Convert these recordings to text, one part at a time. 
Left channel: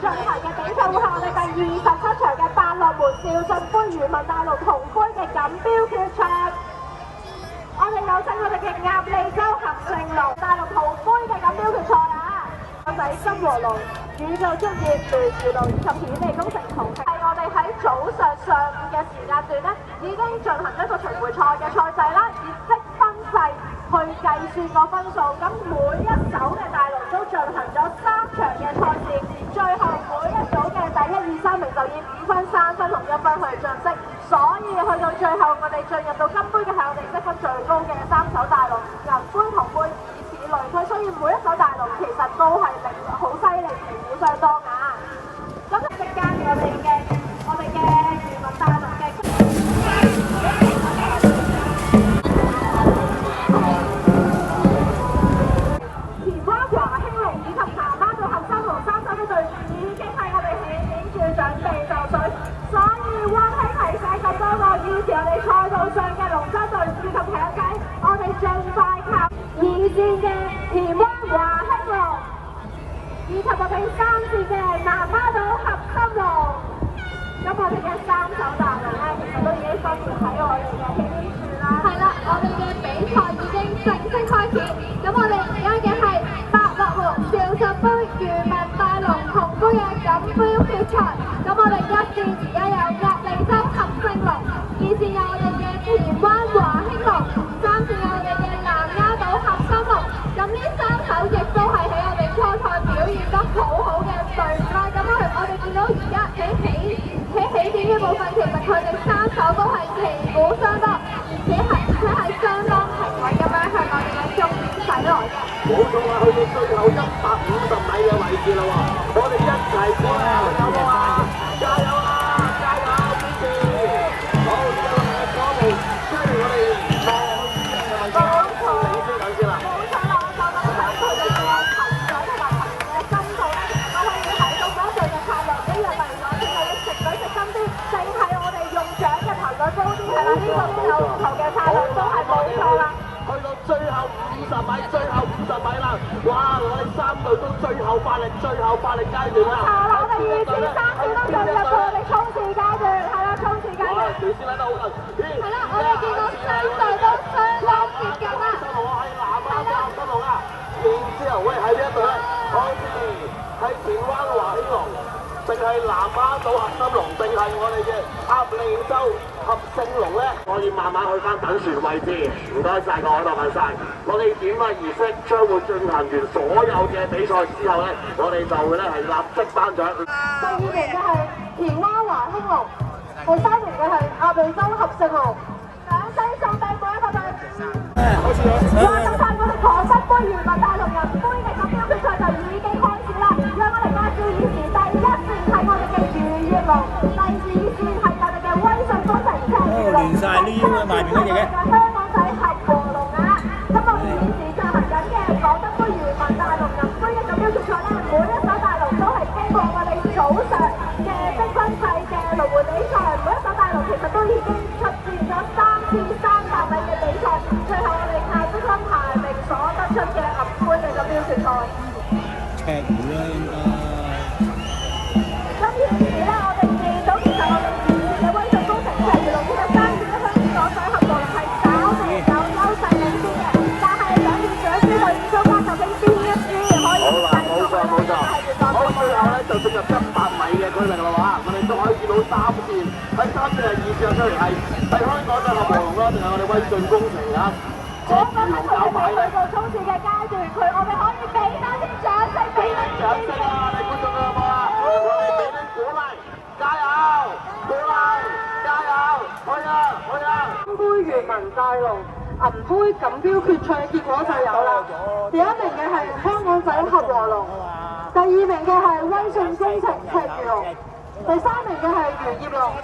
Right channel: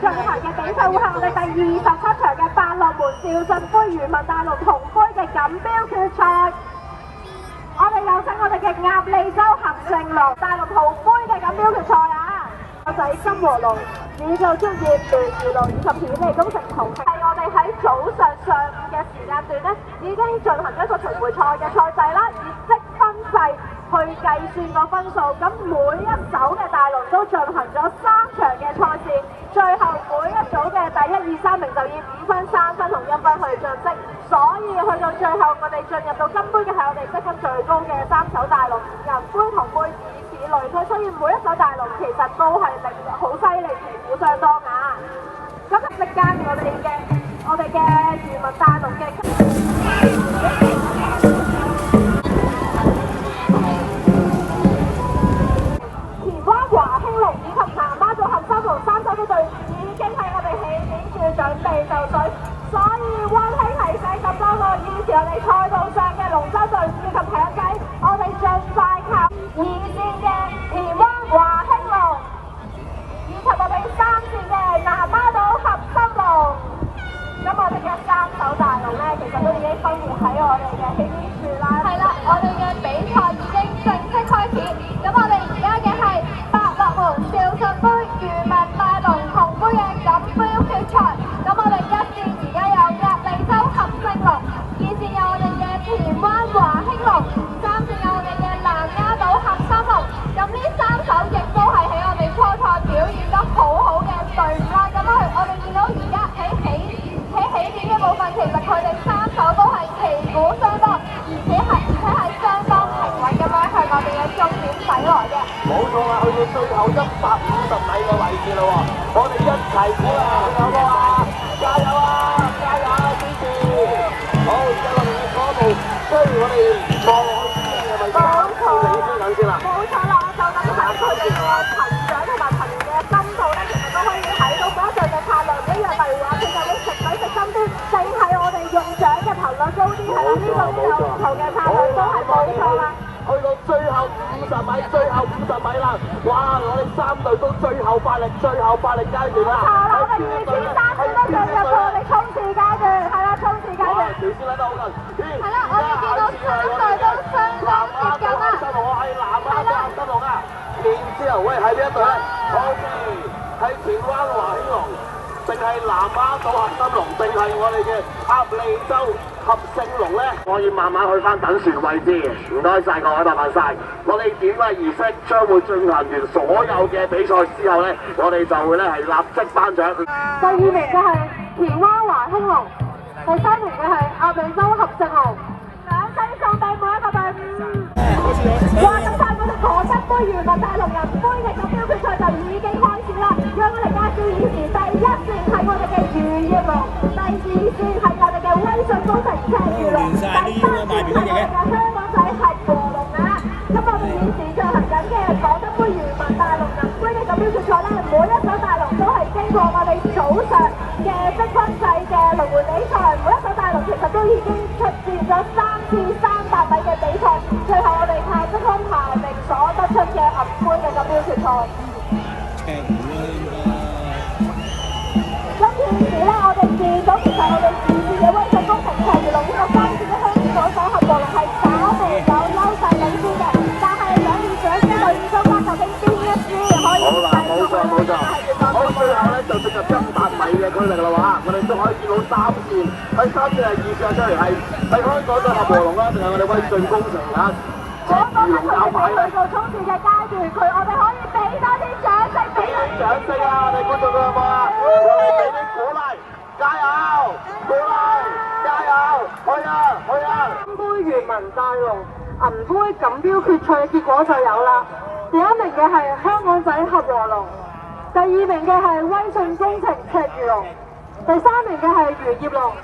進行嘅比賽會係我哋第27場嘅百樂門少進杯漁民大陸銅杯嘅錦標決賽。我哋有請我哋嘅鴨脷洲合成龍大陸銅杯嘅錦標決賽啊！我仔金和龍、宇宙職業聯誼龍以及顯利工程同係我哋喺早上午嘅時間段咧，已經進行一個巡迴賽嘅賽制啦，以積分制去計算個分數。咁每一組嘅大龍都進行咗3場嘅賽事，最後每一組嘅第1、2、3名就以5分、3分同1分去晉級。所以去到最後，我哋進入到金杯嘅係我哋積分最高嘅3手大龍，銀杯、銅杯以此類推。所以每一手大龍其實都係好犀利，旗鼓相當啊！咁即間我哋嘅漁民大龍嘅。唔該晒各位，麻煩晒。我哋點嘅儀式將會進行完所有嘅比賽之後咧，我哋就會咧係立即頒獎。第2名嘅係田灣華興龍，第3名嘅係鴨脷洲合成龍，兩西送第每一個隊伍。最後賽嘅係河北杯漁民大陸人杯嘅錦標決賽就已經開始啦。讓我哋介紹現時第1線係我哋嘅漁業龍，第2線係我哋嘅威信工程赤魚龍，第3線係我哋嘅香港仔合和龍啊！咁我哋現時進行緊嘅廣德杯漁民大陸銀杯嘅錦標決賽咧，每一手大龍都係經過我哋早上嘅積分制嘅輪迴比賽，每一手大龍其實都已經出戰咗3次300米嘅比賽，最後我哋係積分排名所得出嘅銀杯嘅錦標決賽。咁現時咧，我哋預咗其實我哋現時嘅威信工程赤魚龍呢個3次咧，香港仔合和龍係稍微有優勢領先嘅，但係想要掌聲隊伍中間究竟邊一支可以繼續冇錯。好，最後咧就進入100米嘅區域啦喎，我哋都可以見到3線，喺3線係2線出嚟係香港隊合和龍啦，定係我哋威信工程啊？我覺得佢哋去到衝刺嘅階段，我哋可以俾多啲掌聲，俾啲掌聲啊！我哋觀眾好唔好啊？我哋俾啲鼓勵，加油！鼓勵，加油！去啊！去啊！金杯漁民大龍銀杯錦標決賽嘅結果就有啦。第1名嘅係香港仔合和龍，第2名嘅係威信工程赤魚龍，第3名嘅係漁業龍。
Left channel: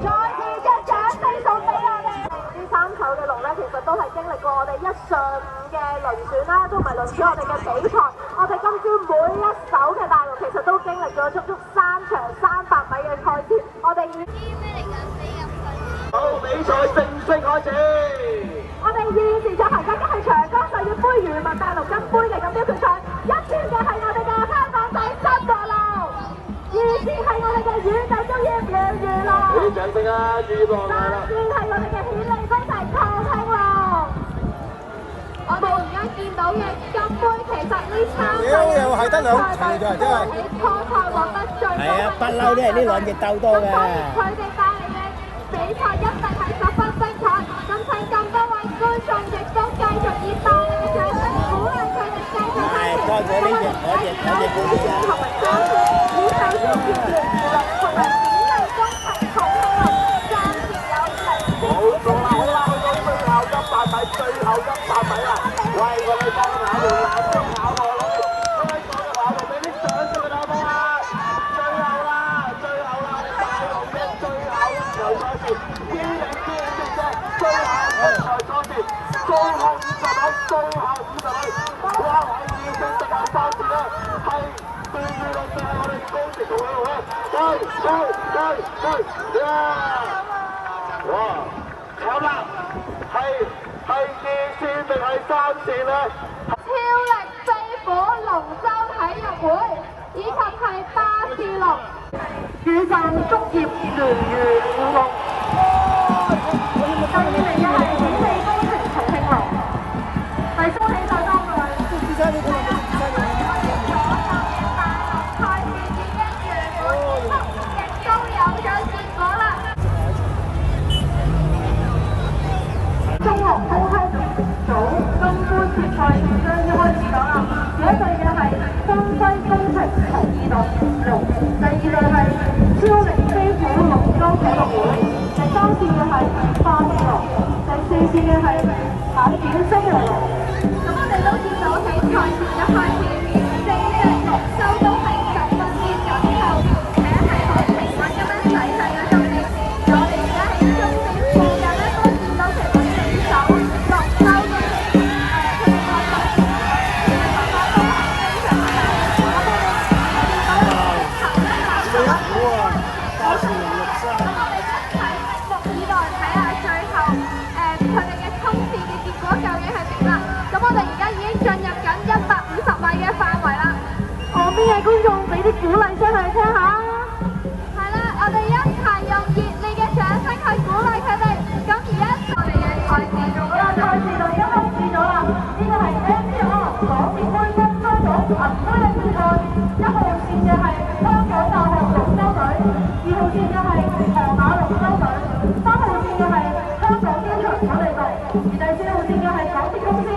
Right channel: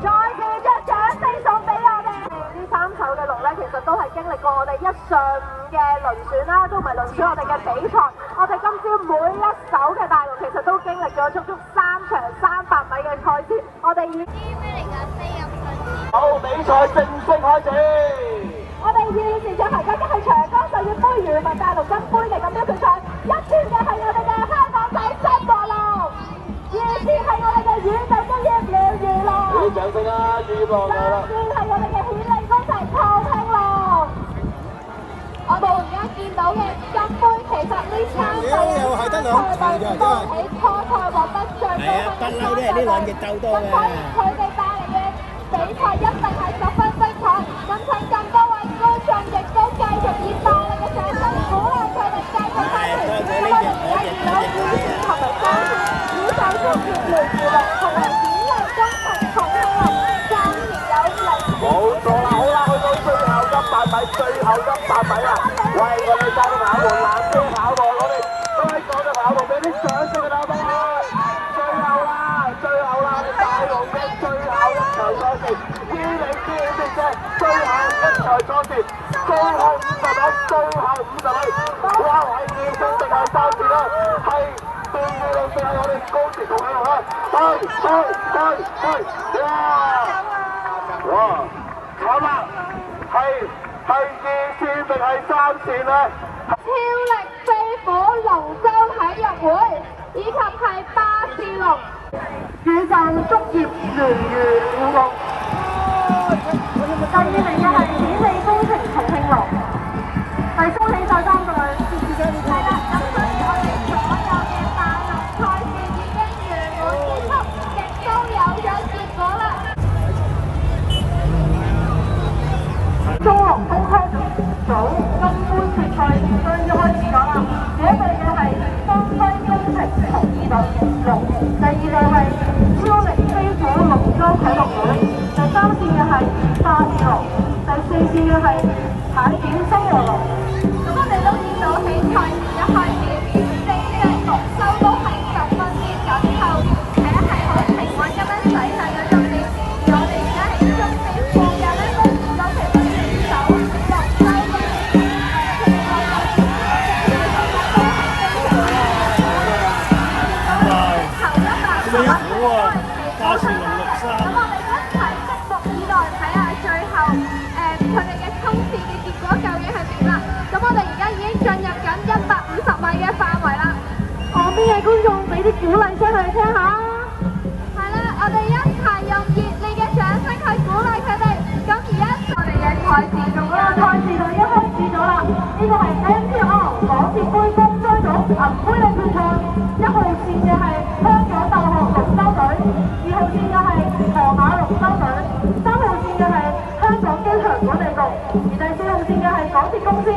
再次嘅掌聲送俾我哋！呢3手嘅龍咧，其實都係經歷過我哋一上午嘅輪選啦，同埋輪選我哋嘅比賽。我哋今朝每一手嘅大龍其實都經歷咗足足3場300米嘅賽事。我哋已好，比賽正式開始。我哋現時進行緊嘅係長江實業杯漁民大陸金杯嘅錦標決賽，一圈嘅係我哋嘅香港仔新和龍，而是係我哋嘅宇宙中嘅妙娛樂。俾啲掌聲啊！預樂係啦。當然係我哋嘅顯利輝齊創興樂。我哋而家見到嘅金杯，其實呢3又係得兩場咋，真係。喺初賽獲得最高。係啊，不嬲都係呢兩隻鬥多嘅。佢哋帶嚟嘅比賽一定係十分精彩。咁請咁多位觀眾亦都繼續以大力嘅掌聲鼓勵佢哋繼續。係，多謝呢隻嗰隻嗰隻嗰隻。冇錯啦，好啦，去到最後100米，最後100米啦！喂，我哋爭啲跑門藍車跑道，我哋香港嘅跑道俾啲掌聲佢哋好唔好啊？最後啦，我哋大龍嘅最後一場賽事，超齡超值嘅最後一場賽事，最後50米，哇！我哋要升到第3次啦，係最後係我哋高鐵同喺度啦，去！哇！好啦，係2線定係3線咧？超力飛虎龍舟體育會以及係巴士龍宇宙竹葉聯誼舞龍。第2名嘅係顯利飛程重慶龍，第3名大家嘅賽事已經完結，亦都有結果啦。中學高空組金杯決賽將要開始咗啦！第一隊嘅係東西工程同2龍，第2隊係超力飛虎龍舟體育會，第3線嘅係巴士龍，第4線嘅係海點星河龍。咁我哋都見到喺賽前一開始，4隻龍舟都係10分鐘左右，係好平穩咁樣駛喺嗰度嘅。我哋而家喺中線附近咧，都見到其實觀眾俾啲鼓勵聲佢哋聽下。係啦，我哋一齊用熱烈嘅掌聲去鼓勵佢哋。咁而家我哋嘅賽事就已經開始咗啦。呢個係 MPR 港鐵杯公開組銀杯嘅決賽，1號線嘅係香港大學龍舟隊，2號線嘅係河馬龍舟隊，3號線嘅係香港機場管理局，而第4號線嘅係港鐵公司。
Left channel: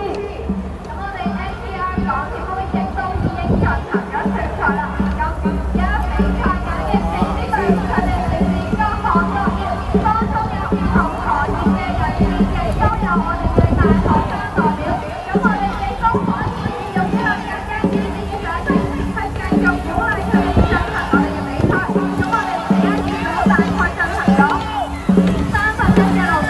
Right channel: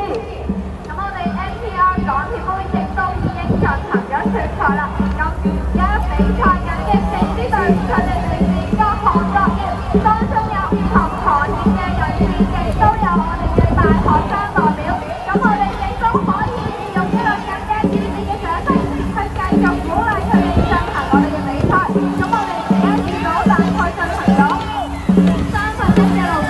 咁我哋 MPR 港鐵杯亦都已經進行咗決賽啦。咁而家比賽緊嘅4支隊伍，佢哋嚟自各行各業，當中有唔同行業嘅人士，亦都有我哋嘅大學生代表。咁我哋亦都可以用呢個更加熱烈嘅掌聲去繼續鼓勵佢哋進行我哋嘅比賽。咁我哋而家見到大概進行咗30分嘅路程，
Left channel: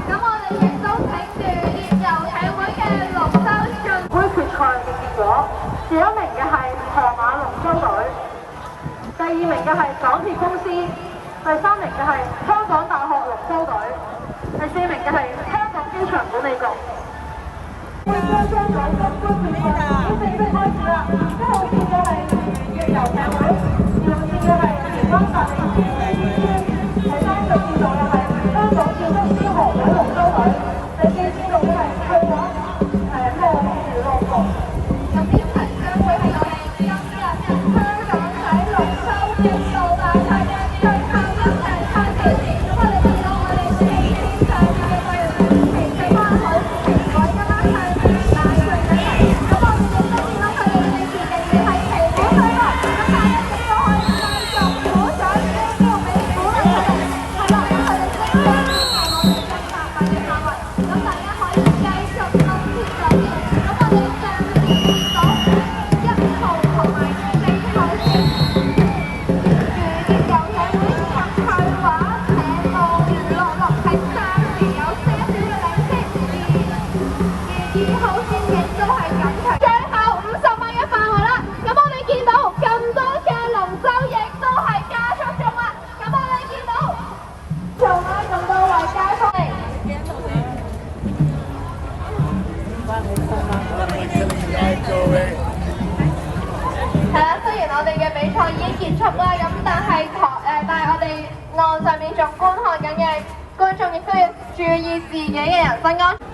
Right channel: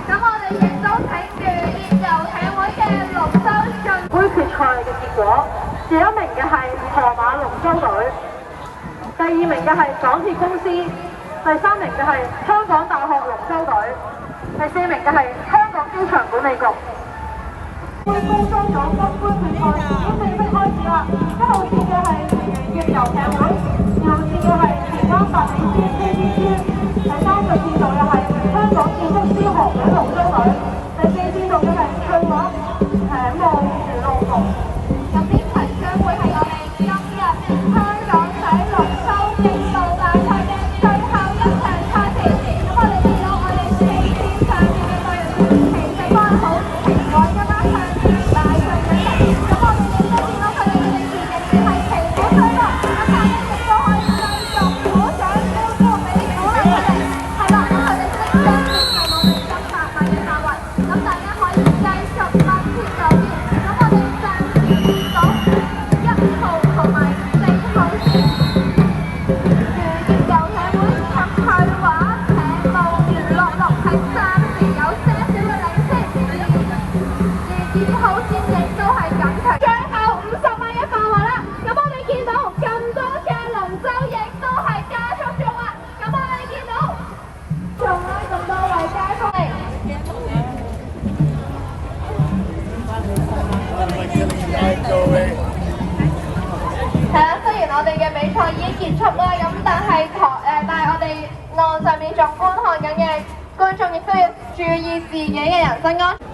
咁我哋見到3位嘅係小龍河馬龍舟隊。第1名嘅係河馬龍舟隊，第2名嘅係港鐵公司，第3名嘅係香港大學龍舟隊，第4名嘅係香港機場管理局。杯公裝組金杯決賽已經正式開始啦！1號線嘅係越遊艇會，2號線嘅係田灣達美村村，第3隊線道嘅係香港建築師學會龍舟隊，第4線道嘅係翠華艇務娛樂局。咁呢場將會係我哋今日香港仔龍舟競渡大賽嘅輯啦，咁但係但係我哋岸上面仲觀看緊嘅觀眾亦都要注意自己嘅人身安全。